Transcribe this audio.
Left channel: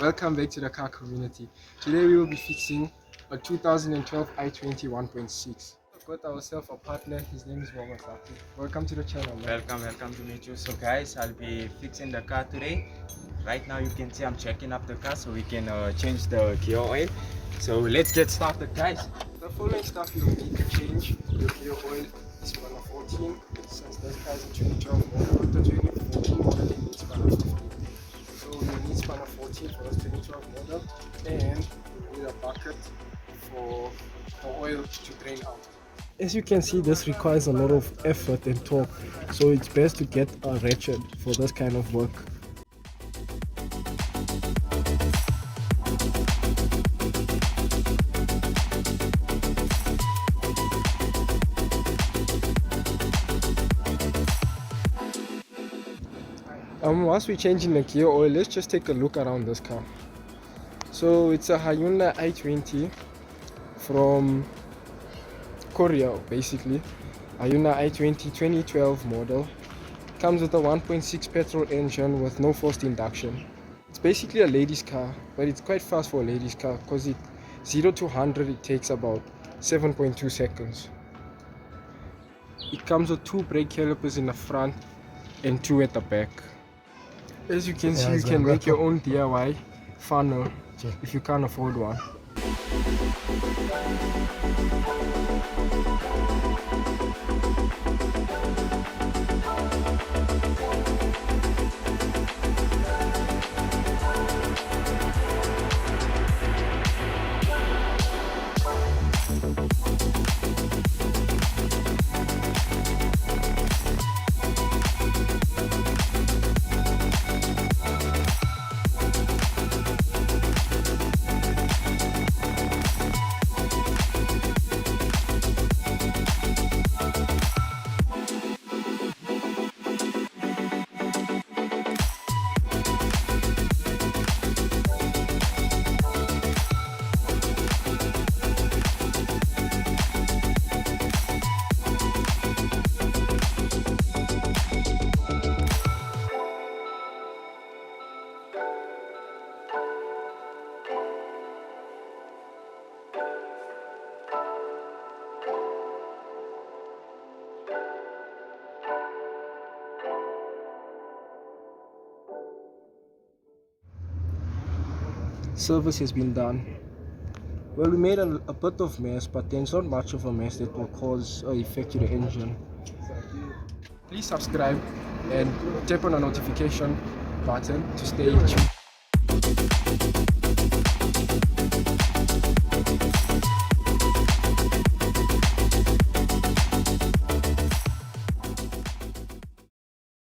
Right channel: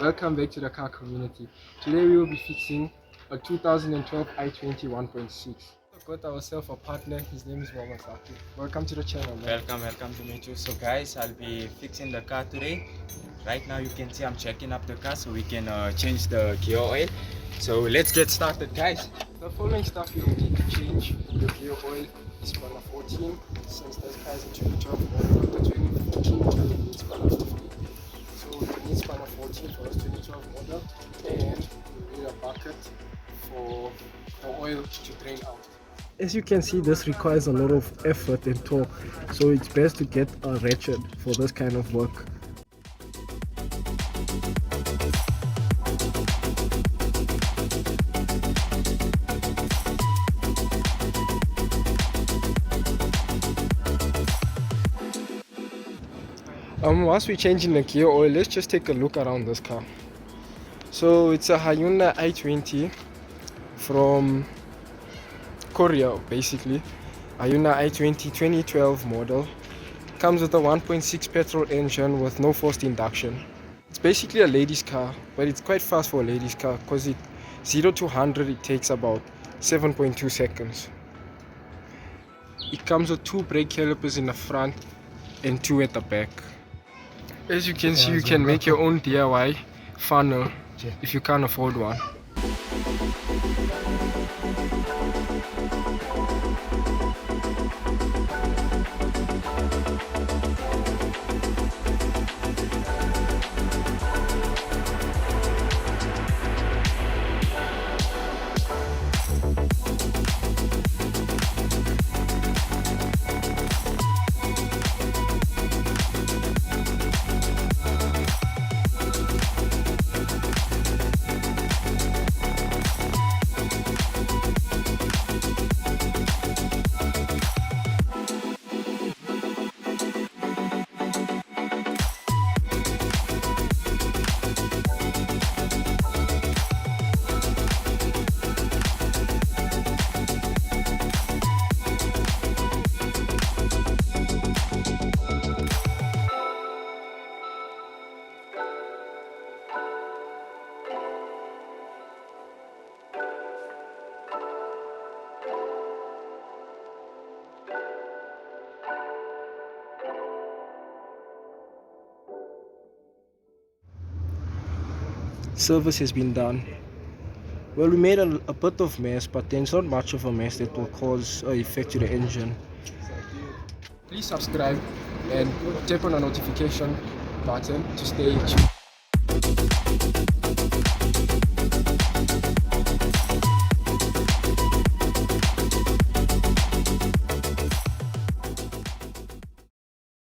Welcome back to the car community. Today we will be fixing a 2012 i20 1.6. We've got ourselves a partner, his name is Mohammed. Welcome to the channel, man. Welcome to meet you. So guys, I'll be fixing the car today. Right now you can see I'm checking up the car so we can change the gear oil. So let's get started, guys. The following stuff you'll need to change: your gear oil is spanner 14, since this car is a 2012 model, but the 2014 model needs spanner 15. So you need spanner 14 for this 2012 model, and you need a bucket for the oil to drain out. As you can see, this requires a lot of effort and torque, so it's best to get a ratchet for this kind of work. Whilst we're changing the gear oil, let's just take a look around this car. So it's a Hyundai i20 from Korea, basically. Hyundai i20 2012 model. Comes with a 1.6 petrol engine with no forced induction. It's basically a ladies car, but it's quite fast for a ladies car because it 0 to 100 it takes about 7.2 seconds. It comes with 2 brake calipers in the front and 2 at the back. As you can see, you can make your own DIY funnel if you can't afford one. Service has been done. Well, we made a bit of mess, but there's not much of a mess that will cause an effect to the engine. Please subscribe and tap on the notification button to stay tuned.